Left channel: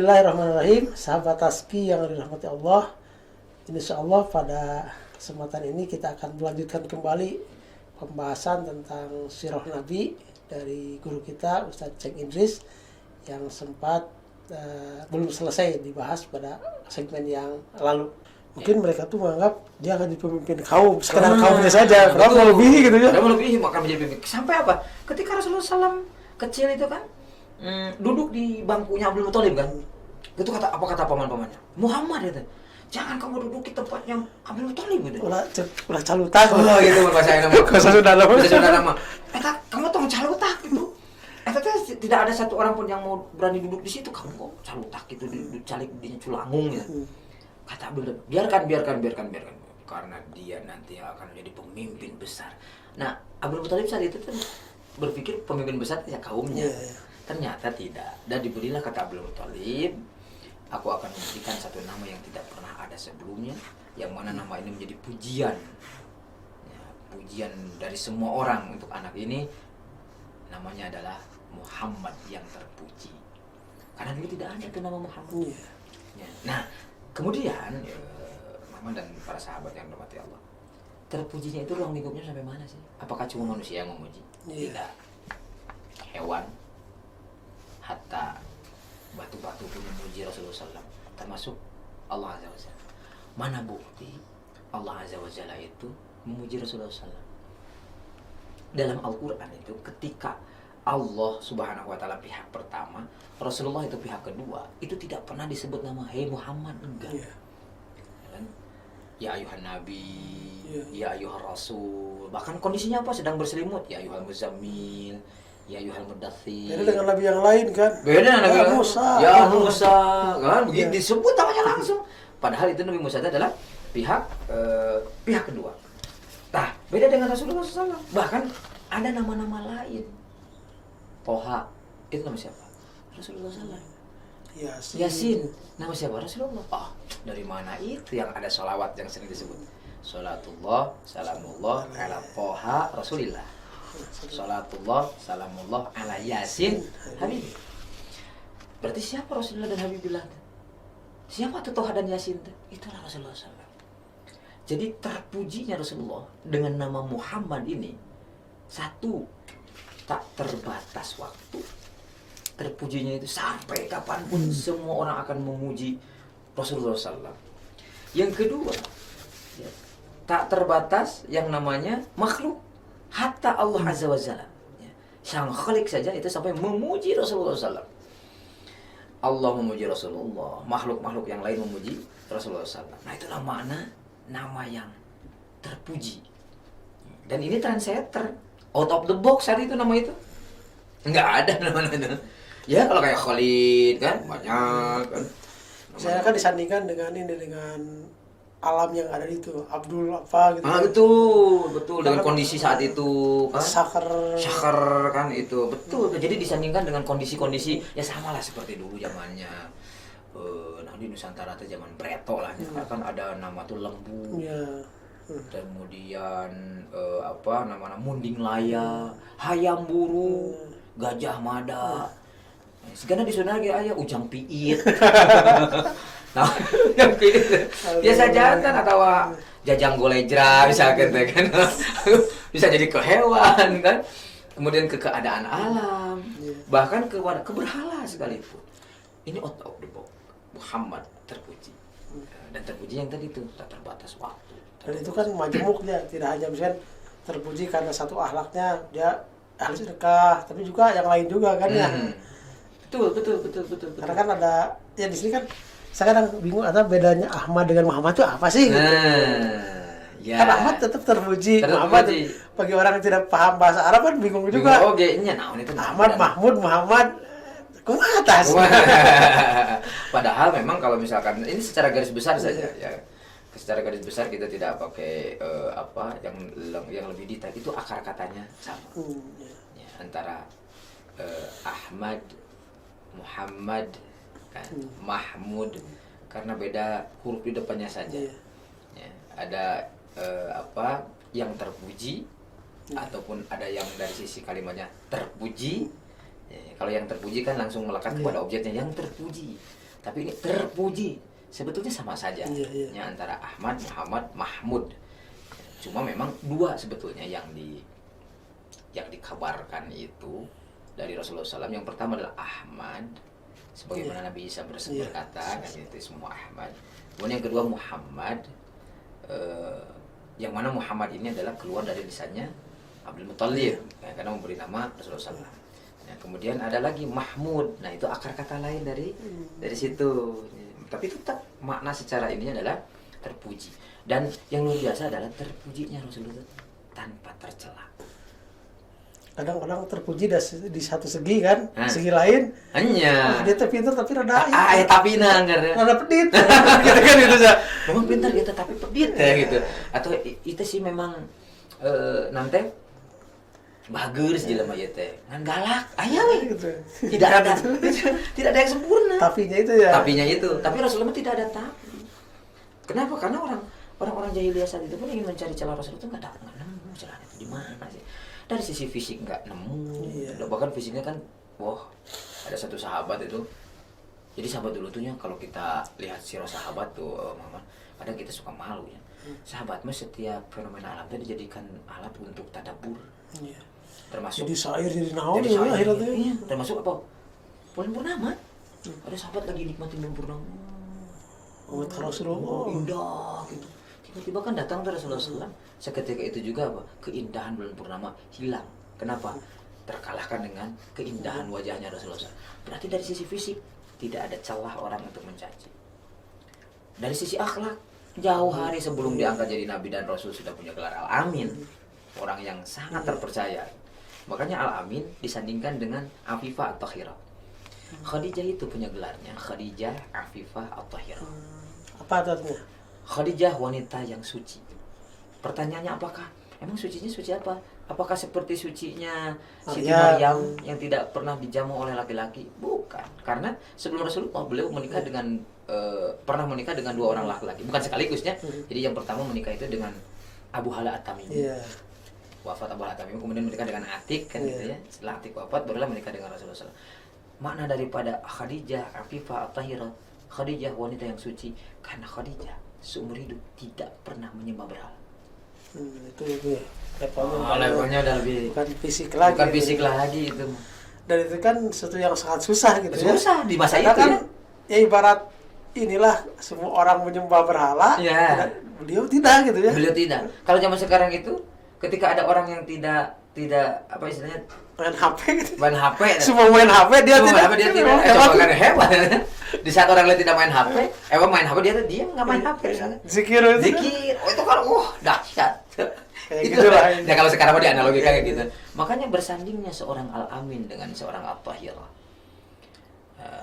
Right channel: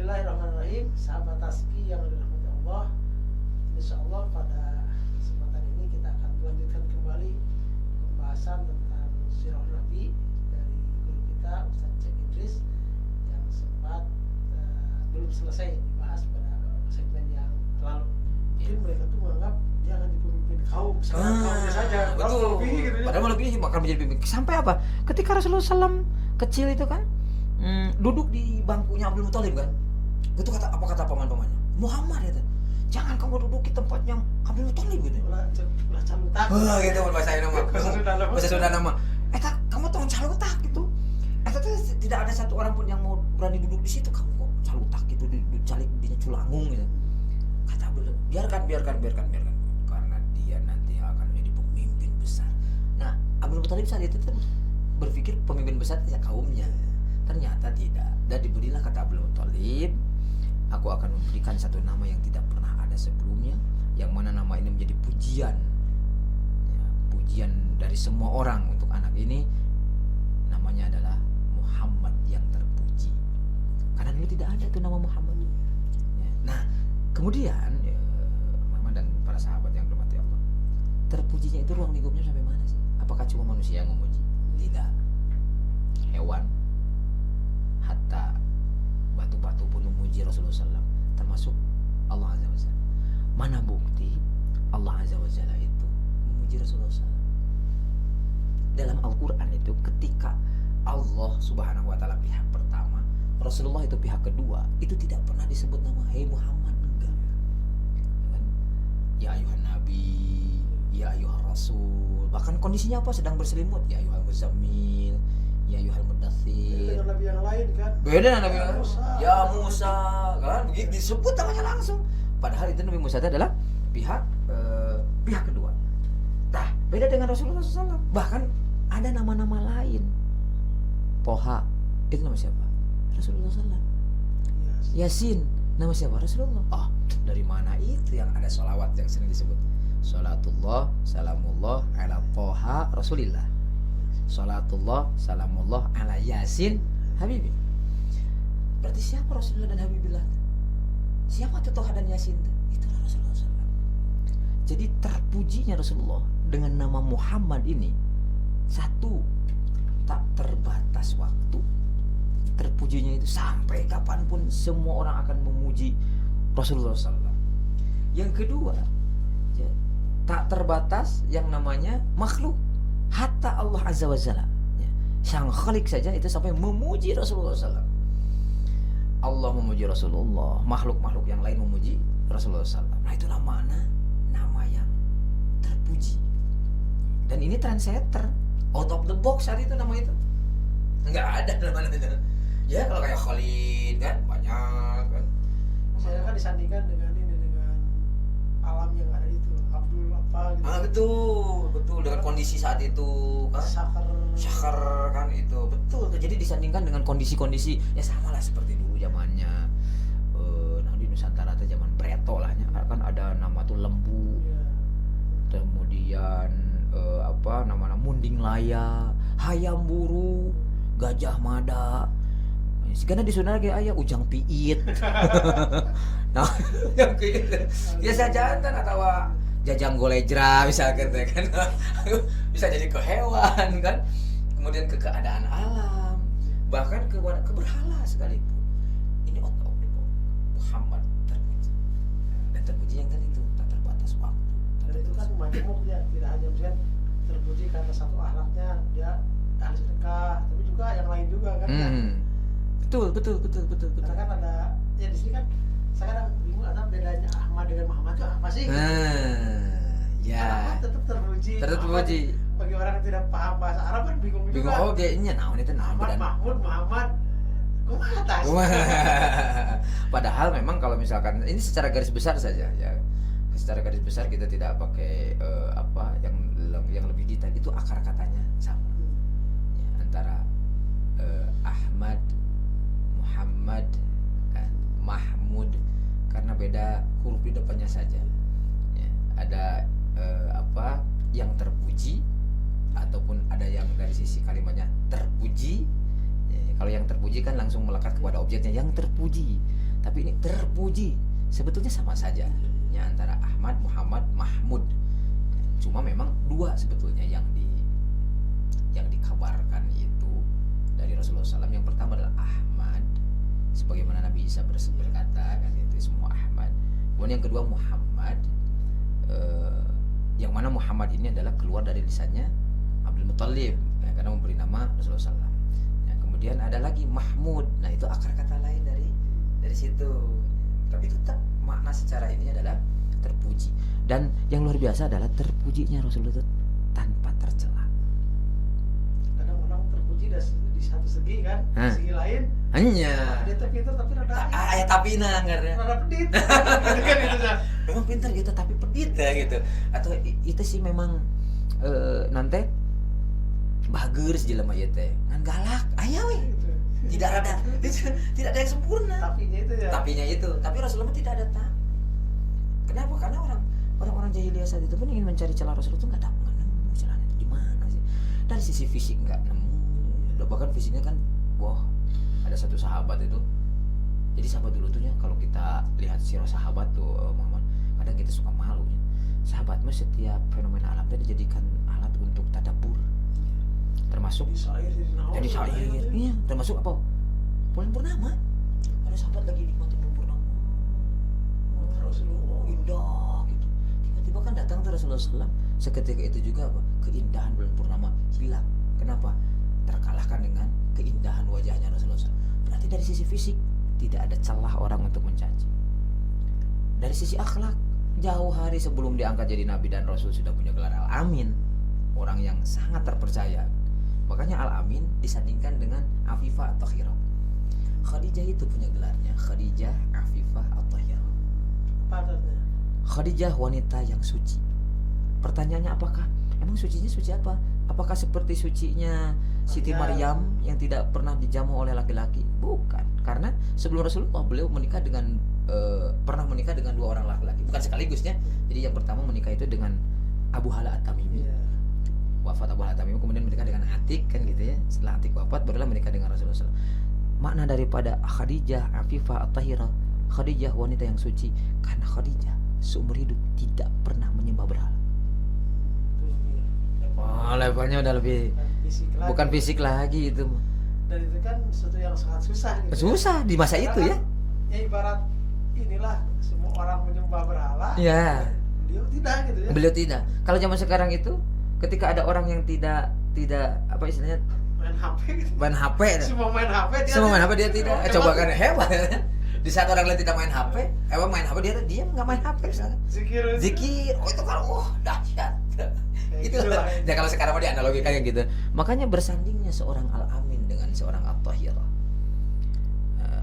Bismillahirrahmanirrahim. Sahabat Taski yang dirahmati Allah, insyaallah pada kesempatan ini kita akan melanjutkan kembali pembahasan tentang sirah Nabi dari guru kita Ustadz Ceng Idris yang sempat belum selesai dibahas pada segmen yang lalu. Mungkin mereka tuh menganggap dia akan jadi pemimpin kaum, sekedar kaumnya saja, berapa lebih gitu ya. Berapa lebih akan menjadi pemimpin. Sampai apa? Ketika Rasulullah SAW kecil itu kan duduk di bangkunya Abdul Muthalib kan, itu kata paman-pamannya, Muhammad itu, jangan kamu duduk di tempatnya Abdul Muthalib gitu. Ulah calutak. Oh gitu bahasa nama. Bahasa Sunda nama. Eta kamu tong calutak gitu. Eta teh tidak ada satu orang pun yang mau berani duduk di situ, kamu kok calutak gitu di calik dinya culangung ya. Kata Abdul, biarkan, karena dia nanti akan menjadi pemimpin besar. Nah, Abdul Muthalib saat itu tuh berpikir pemimpin besar ya kaumnya. Ternyata tidak. Dan diberilah kata Abdul Muthalib, aku akan memberikan satu nama yang tidak pernah ada sebelumnya, yang mana nama ini menjadi pujian, ya, pujian dari semua orang untuk anak ini. Namanya adalah Muhammad yang terpuji. Karena dulu tidak ada tuh nama Muhammad. Ya. Nah, kemudian Muhammad dan para sahabat yang dirahmati Allah, terpujinya itu ruang lingkupnya sampai mana sih? Apakah cuma manusia yang memuji? Tidak. Hewan, hatta batu-batu pun memuji Rasulullah SAW, termasuk Allah Azza wa Jalla. Mana bukti Allah Azza wa Jalla itu memuji Rasulullah SAW? Dalam Al-Quran itu ketika Allah Subhanahu wa Ta'ala pihak pertama, Rasulullah itu pihak kedua, itu tidak pernah disebut nama Hei Muhammad, enggak. Ya ayuhan Nabi, ya ayuhan Rasul. Bahkan kondisinya apa? Sedang berselimut, ya ayuhan Muzammil, ya ayuhan Mudaththir. Beda dengan Nabi yang lain kan? Beda dengan Nabi yang Musa. Ya Musa, kan? Begitu disebut namanya langsung. Padahal itu Nabi Musa adalah pihak kedua. Nah, beda dengan Rasulullah SAW. Bahkan ada nama-nama lain. Toha, itu nama siapa? Rasulullah SAW. Yasin, nama siapa? Rasulullah. Oh, dari mana itu yang ada sholawat yang sering disebut? Sholatullah, salamullah, ala Toha, Rasulillah. Sholatullah, salamullah, ala Yasin, Habib. Berarti siapa Rasulullah dan Habibillah? Siapa tuh Toha dan Yasin? Itulah Rasulullah SAW. Jadi terpujinya Rasulullah dengan nama Muhammad ini, satu, tak terbatas waktu. Terpujinya itu sampai kapanpun semua orang akan memuji Rasulullah SAW. Yang kedua, tak terbatas yang namanya makhluk, hatta Allah Azza wa Jalla, Sang Khalik saja itu sampai memuji Rasulullah SAW. Allah memuji Rasulullah, makhluk-makhluk yang lain memuji Rasulullah SAW. Nah itulah mana nama yang terpuji. Dan ini trendsetter, out of the box saat itu nama itu. Enggak ada nama-nama itu. Ya kalau kayak Khalid kan banyak kan. Saya kan disandingkan dengan alam yang ada itu, Abdul apa gitu. Betul dengan kondisi saat itu kan. Syakar kan itu. Betul. Jadi disandingkan dengan kondisi-kondisi ya sama lah seperti dulu zamannya. Nah di Nusantara itu zaman Preto lah. Kan ada nama tuh Lembu. Kemudian nama Munding Laya, Hayam Buru, Gajah Mada. Karena di sana lagi ayah Ujang Piit. Nah, Ujang Piit. Biasa jantan atau Jajang Golejra misalkan kan. Bisa jadi ke hewan kan. Kemudian ke keadaan alam, bahkan ke berhala sekalipun. Ini out of the box. Muhammad terpuji. Dan terpuji yang tadi itu tak terbatas waktu. Dan itu kan majemuk dia, tidak hanya misalkan terpuji karena satu akhlaknya dia ahli sedekah, tapi juga yang lain juga kan ya. Betul. Karena kan ada ya di sini kan saya kadang bingung ada bedanya Ahmad dengan Muhammad itu apa sih? Gitu. Ya. Kan Ahmad tetap terpuji. Muhammad bagi orang yang tidak paham bahasa Arab kan bingung juga. Oh, kayaknya itu Ahmad, Mahmud, Muhammad, kumaha atas. Padahal memang kalau misalkan ini secara garis besar saja ya. Secara garis besar kita tidak pakai yang lebih detail, itu akar katanya sama. Ya, antara Ahmad, Muhammad kan, Mahmud, karena beda huruf di depannya saja. Ya, ada yang terpuji ataupun ada yang dari sisi kalimatnya terpuji. Ya, kalau yang terpuji kan langsung melekat kepada objeknya yang terpuji. Tapi ini terpuji. Sebetulnya sama saja. Ya, antara Ahmad, Muhammad, Mahmud. Cuma memang dua sebetulnya yang dikabarkan itu dari Rasulullah SAW. Yang pertama adalah Ahmad, sebagaimana Nabi Isa berkata, kan itu semua Ahmad. Kemudian yang kedua Muhammad, yang mana Muhammad ini adalah keluar dari lisannya Abdul Muthalib, ya, karena memberi nama Rasulullah SAW. Nah, kemudian ada lagi Mahmud, nah itu akar kata lain dari situ. Tapi tetap makna secara ini adalah terpuji. Dan yang luar biasa adalah terpujinya Rasulullah itu tanpa tercela. Kadang-kadang terpuji di satu segi kan, segi lain hanya dia pintar tapi rada tapi rada pedit gitu kan itu ya. Memang pintar dia tapi pedit ya gitu. Atau itu sih memang nanti bagus di lemah teh kan galak aya we gitu. Tidak ada yang sempurna. Tapinya itu. Tapi Rasulullah tidak ada tapi. Kenapa? Karena orang jahiliyah saat itu pun ingin mencari celah Rasul itu enggak dapat nemu celahnya di mana sih. Dari sisi fisik enggak nemu. Bahkan fisiknya kan ada satu sahabat itu. Jadi sahabat dulu tuh kalau kita lihat sirah sahabat tuh Muhammad, kadang kita suka malu ya. Sahabat mah setiap fenomena alam itu dijadikan alat untuk tadabbur. Termasuk jadi syair jadi naon ya akhirnya. Iya, termasuk apa? Bulan purnama. Ada sahabat lagi nikmatin bulan purnama. Rasulullah indah gitu. Tiba-tiba kan datang ke Rasulullah SAW. Seketika itu juga keindahan bulan purnama hilang. Kenapa? Terkalahkan dengan keindahan wajahnya Rasulullah SAW. Berarti dari sisi fisik tidak ada celah orang untuk mencaci. Dari sisi akhlak, jauh hari sebelum diangkat jadi Nabi dan Rasul sudah punya gelar Al-Amin. Orang yang sangat terpercaya. Makanya Al-Amin disandingkan dengan Afifah At-Tahirah. Khadijah itu punya gelarnya Khadijah Afifah At-Tahirah. Apa artinya? Khadijah wanita yang suci. Pertanyaannya apakah? Emang sucinya suci apa? Apakah seperti sucinya Siti Maryam yang tidak pernah dijamu oleh laki-laki? Bukan. Karena sebelum Rasulullah beliau menikah dengan pernah menikah dengan dua orang laki-laki. Bukan sekaligusnya. Jadi yang pertama menikah itu dengan Abu Hala At-Tamimi. Wafat Abu Hala At-Tamimi, kemudian menikah dengan Atik kan gitu ya. Setelah Atik wafat barulah menikah dengan Rasulullah SAW. Makna daripada Khadijah Afifah At-Tahirah, Khadijah wanita yang suci, karena Khadijah seumur hidup tidak pernah menyembah berhala. Itu ya. Levelnya udah lebih bukan fisik lagi. Bukan fisik lagi itu. Dan itu kan sesuatu yang sangat susah gitu. Susah di masa itu kan, ya ibarat inilah semua orang menyembah berhala. Ya. Beliau tidak gitu ya. Beliau tidak. Kalau zaman sekarang itu ketika ada orang yang tidak apa istilahnya main HP gitu. Main HP. Semua main HP dia tidak. Coba kan hebat. Di saat orang lain tidak main HP, main HP dia nggak main HP misalnya. Zikir. Oh itu kan dahsyat. Itu lah. Ya kalau sekarang mau dianalogikan kayak gitu. Makanya bersandingnya seorang Al-Amin dengan seorang At-Tahirah.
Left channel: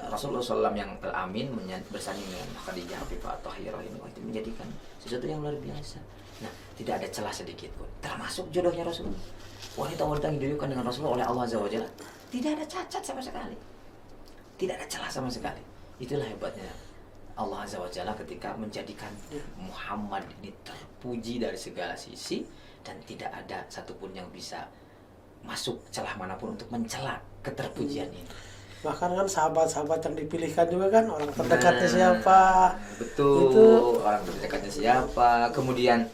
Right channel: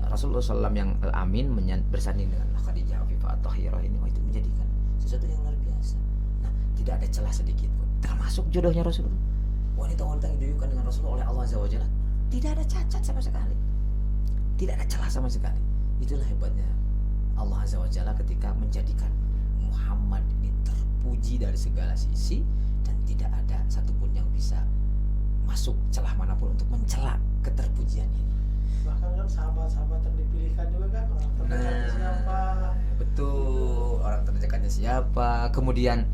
Rasulullah SAW yang Al-Amin bersanding dengan Khadijah Afifah At-Tahirah ini itu menjadikan sesuatu yang luar biasa. Nah, tidak ada celah sedikit pun. Termasuk jodohnya Rasulullah. Wanita-wanita yang dijodohkan dengan Rasulullah oleh Allah Azza wa Jalla tidak ada cacat sama sekali. Tidak ada celah sama sekali. Itulah hebatnya Allah Azza wa Jalla ketika menjadikan Muhammad ini terpuji dari segala sisi dan tidak ada satupun yang bisa masuk celah manapun untuk mencela keterpujian ini. Bahkan kan sahabat-sahabat yang dipilihkan juga kan orang terdekatnya siapa. Betul. Itu orang terdekatnya siapa. Kemudian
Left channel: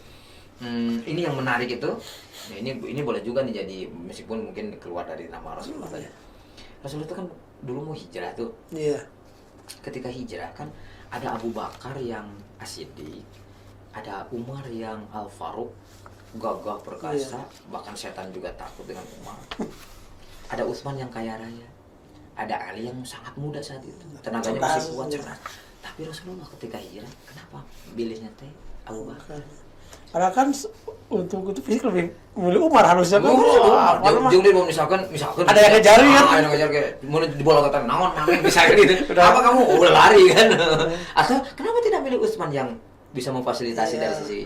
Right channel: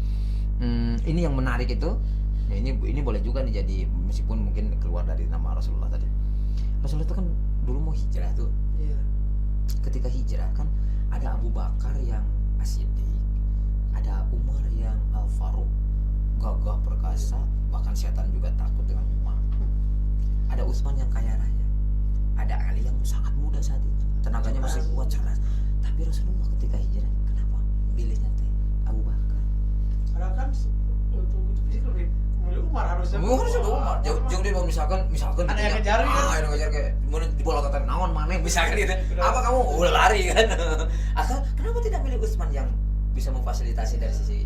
ini yang menarik itu. Ya ini boleh juga nih jadi meskipun mungkin keluar dari nama Rasulullah saja. Rasulullah itu kan dulu mau hijrah tuh. Iya. Ketika hijrah kan ada Abu Bakar yang As-Siddiq, ada Umar yang Al-Faruq, gagah perkasa, bahkan setan juga takut dengan Umar. Ada Utsman yang kaya raya, ada Ali yang sangat muda saat itu, tenaganya masih kuat cerdas. Tapi Rasulullah ketika hijrah, kenapa pilihnya teh Abu Bakar? Karena kan untuk itu fisik lebih milih Umar harusnya kan. Jadi misalkan ada yang ngejar kan? Ada yang ngejar kayak mau di bola kata naon main misalkan gitu. Apa kamu lari kan? Atau kenapa tidak milih Utsman yang bisa memfasilitasi dari sisi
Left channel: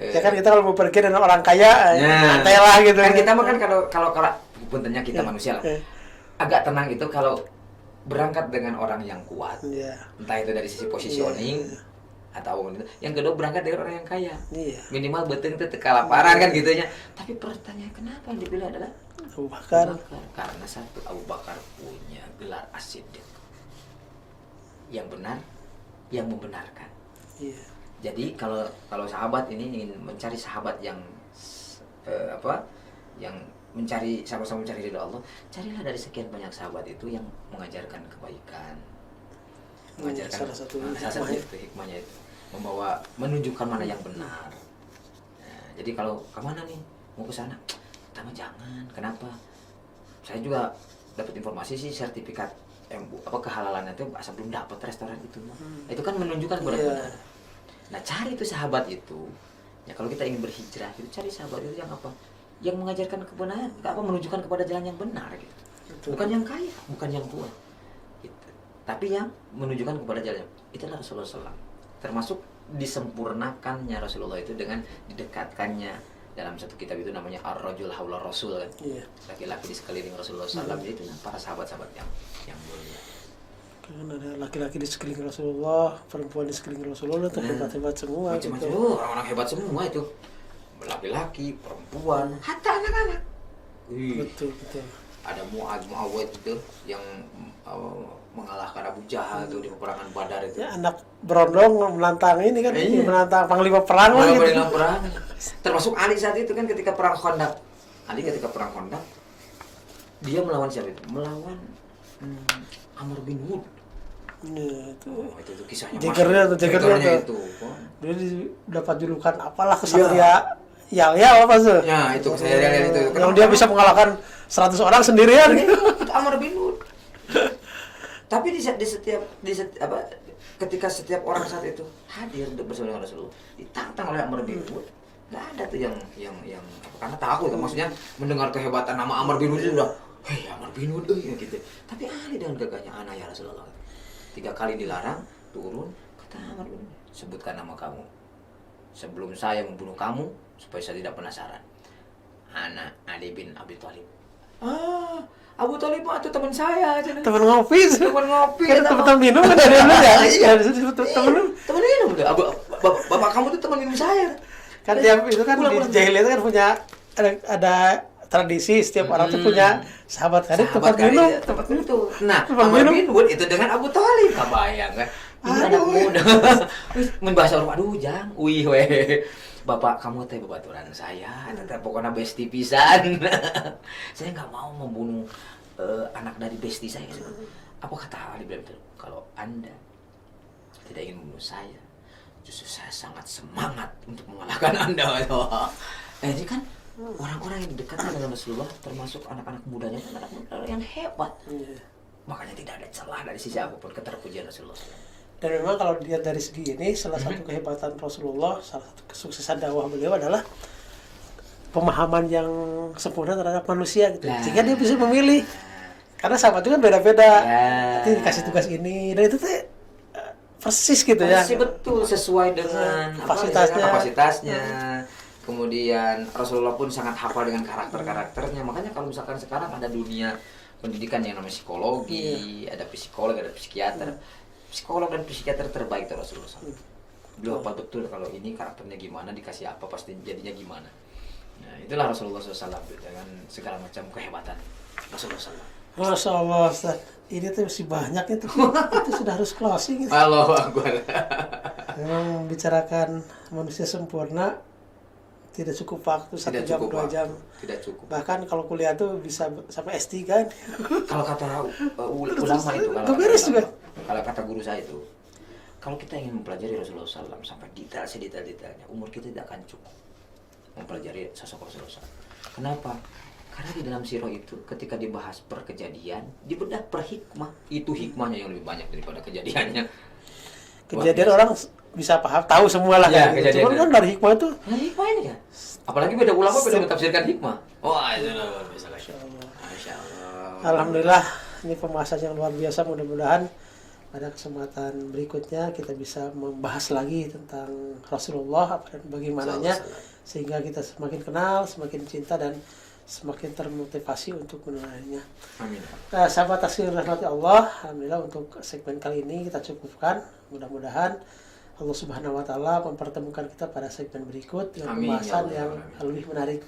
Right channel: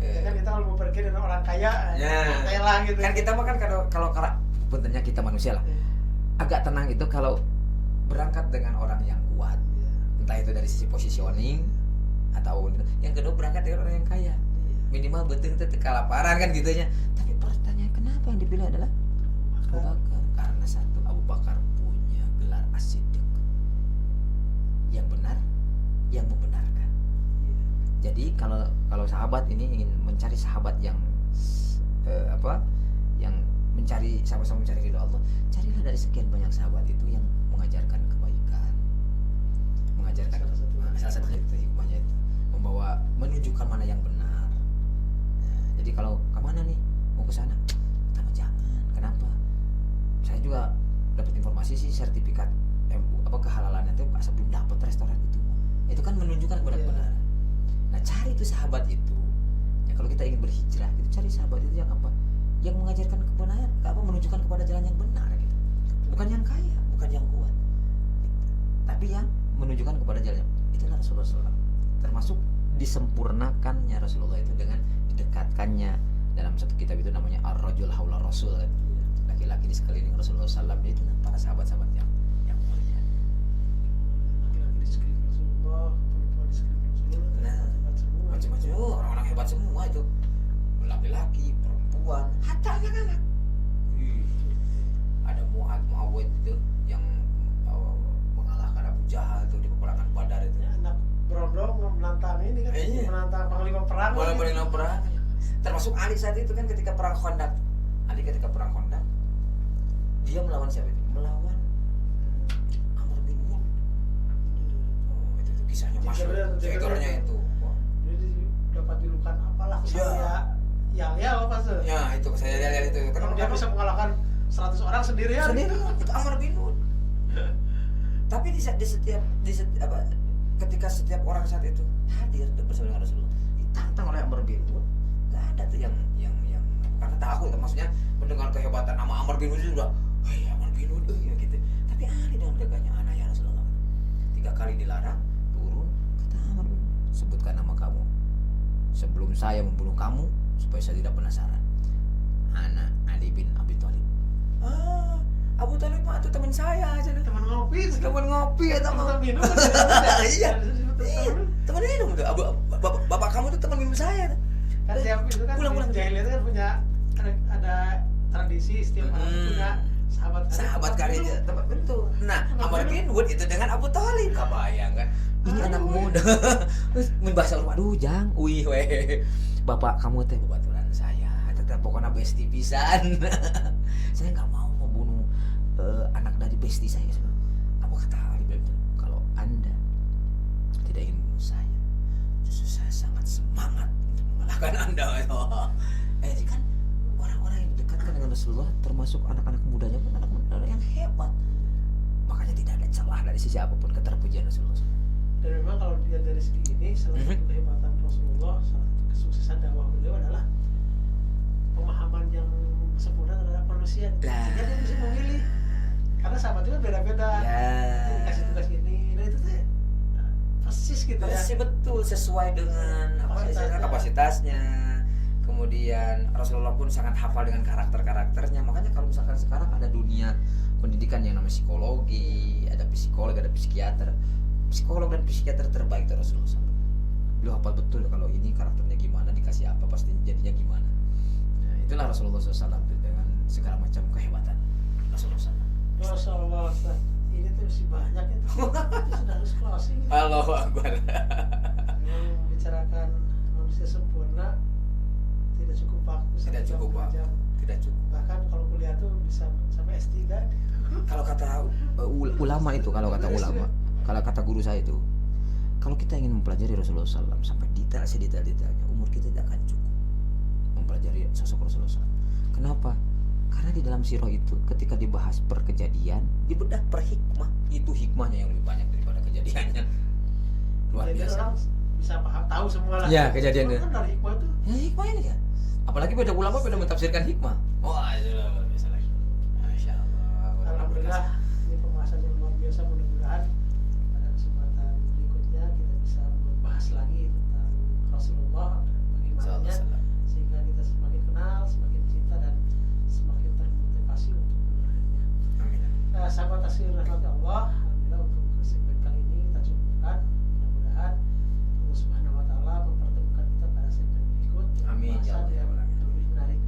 ya kan kita kalau mau pergi dengan orang kaya, santai lah gitu. Kan kita mah kan kalau puntennya kita manusia lah. Agak tenang itu kalau berangkat dengan orang yang kuat. Entah itu dari sisi positioning atau yang kedua berangkat dengan orang yang kaya. Minimal beteng itu kelaparan kan gitunya. Tapi pertanyaan kenapa yang dipilih adalah Abu Bakar? Karena satu, Abu Bakar punya gelar As-Siddiq. yang benar, yang membenarkan. Iya. Jadi kalau sahabat ini ingin mencari sahabat yang yang mencari sama-sama mencari ridha Allah, carilah dari sekian banyak sahabat itu yang mengajarkan kebaikan, mengajarkan salah satu hikmahnya itu, menunjukkan mana yang benar. Nah, jadi kalau kemana nih mau ke sana, pertama jangan. Kenapa? Saya juga dapat informasi sih sertifikat kehalalan itu asal belum dapat restoran itu. Itu kan menunjukkan kepada benar. Nah, cari itu sahabat itu. Ya kalau kita ingin berhijrah, itu cari sahabat itu yang apa? Yang mengajarkan kebenaran, menunjukkan kepada jalan yang benar gitu. Betul. Bukan yang kaya, bukan yang tua. Gitu. Tapi yang menunjukkan kepada jalan. Itulah Rasulullah SAW. Termasuk disempurnakannya Rasulullah itu dengan didekatkannya dalam satu kitab itu namanya Ar-Rajul Haula Rasul kan. Iya. Laki-laki di sekeliling Rasulullah SAW itu para sahabat-sahabat yang mulia. Kan ada laki-laki di sekeliling Rasulullah, perempuan di sekeliling Rasulullah, itu hebat-hebat semua. Macam-macam gitu. orang-orang hebat semua itu. Laki-laki, perempuan, hatta anak-anak. Betul. Ada Muawiyah itu yang mengalahkan Abu Jahal itu di peperangan Badar itu. Ya, anak berondong menantang ini kan, Iya. menantang panglima perang lah gitu. Panglima perang. Termasuk Ali saat itu kan ketika perang Khandaq. Ali ketika perang Khandaq dia melawan siapa itu? Melawan Amr bin Wud. Iya, Itu kisahnya. Jagernya itu. Dia dapat julukan apalah kesatria Yal apa tuh? Ya, itu saya lihat itu. Yang dia bisa mengalahkan 100 orang sendirian. Itu Amr bin Wud. Tapi ketika setiap orang saat itu hadir bersama dengan Rasulullah, ditantang oleh Amr bin Wud. Enggak ada tuh yang karena takut, maksudnya mendengar kehebatan nama Amr bin Wud itu udah, "Hei Amr bin Wud," gitu. Tapi Ali dengan gagahnya, "Ana ya Rasulullah." 3 kali dilarang, turun, kata Amr bin Wud, "Sebutkan nama kamu sebelum saya membunuh kamu supaya saya tidak penasaran." "Ana Ali bin Abi Thalib." Abu Thalib itu teman saya aja. Teman ngopi. Teman ngopi. Kan teman minum kan dari dulu ya. Iya, teman minum. Teman minum udah. Bapak kamu tuh teman minum saya. Kan tiap itu kan di jahiliyah kan punya ada tradisi setiap orang tuh punya sahabat karib tempat minum. Tempat minum tuh. Nah, Tempat Amr bin Wud itu dengan Abu Thalib, kebayang kan? Ini anak muda. Mun bahasa orang, aduh jang, wih weh. Bapak kamu teh babaturan saya, tetap pokoknya besti pisan. Saya nggak mau membunuh anak dari besti saya. Apa kata Ali bin Abi Thalib? Kalau Anda tidak ingin membunuh saya, justru saya sangat semangat untuk mengalahkan Anda. Jadi kan orang-orang yang dekat dengan Rasulullah, termasuk anak-anak mudanya, anak muda yang hebat. Makanya tidak ada celah dari sisi apapun keterpujian Rasulullah. Dan memang kalau dilihat dari segi ini, salah satu kehebatan Rasulullah, salah satu kesuksesan dakwah beliau adalah pemahaman yang sempurna terhadap manusia gitu. Sehingga dia bisa memilih. Karena sahabat itu kan beda-beda. Nanti dikasih tugas ini, dan itu tuh persis gitu ya. Persis betul, sesuai dengan kapasitasnya. Kemudian Rasulullah pun sangat hafal dengan karakter-karakternya. Makanya kalau misalkan sekarang ada dunia pendidikan yang namanya psikologi, ada psikolog, ada psikiater. Psikolog dan psikiater terbaik itu Rasulullah SAW. Beliau apa betul kalau ini karakternya gimana, dikasih apa pasti jadinya gimana. Nah, itulah Rasulullah SAW dengan segala macam kehebatan Rasulullah SAW. Masya Allah, Ustaz. Ini tuh masih banyak itu sudah harus closing gitu. Allahu Akbar. Memang membicarakan manusia sempurna tidak cukup waktu 1 jam 2 jam. Tidak cukup. Bahkan kalau kuliah tuh bisa sampai S3 kan. Kalau kata ulama itu, kalau kata guru saya itu, kalau kita ingin mempelajari Rasulullah SAW sampai detailnya, umur kita tidak akan cukup mempelajari sosok Rasulullah SAW. Kenapa? Karena di dalam sirah itu ketika dibahas per kejadian, dibedah per hikmah. Itu hikmahnya yang lebih banyak daripada kejadiannya. Kejadian orang bisa paham, tahu semua lah ya, kan. Cuman kan dari hikmah itu. Nah, hikmah ini kan. Apalagi beda ulama beda mentafsirkan hikmah. Wah, itu Masya Allah. Alhamdulillah, ini pembahasan yang luar biasa. Mudah-mudahan pada kesempatan berikutnya kita bisa membahas lagi tentang Rasulullah dan bagaimananya, sehingga kita semakin kenal, semakin cinta, dan semakin termotivasi untuk meneladaninya. Amin. Nah, sahabat Tazkirah Rahmati Allah, alhamdulillah untuk segmen kali ini kita cukupkan. Mudah-mudahan Allah Subhanahu wa taala mempertemukan kita pada segmen berikut dengan pembahasan yang lebih menarik.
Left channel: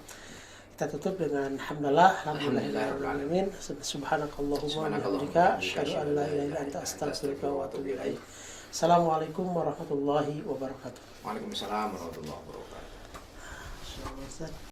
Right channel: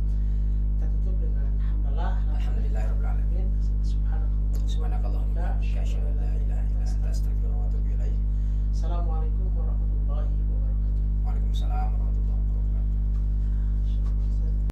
Kita tutup dengan alhamdulillahirabbil alamin. Subhanakallahumma wa bihamdika asyhadu an la ilaha illa anta astaghfiruka wa atubu ilaik. Assalamualaikum warahmatullahi wabarakatuh. Waalaikumsalam warahmatullahi wabarakatuh.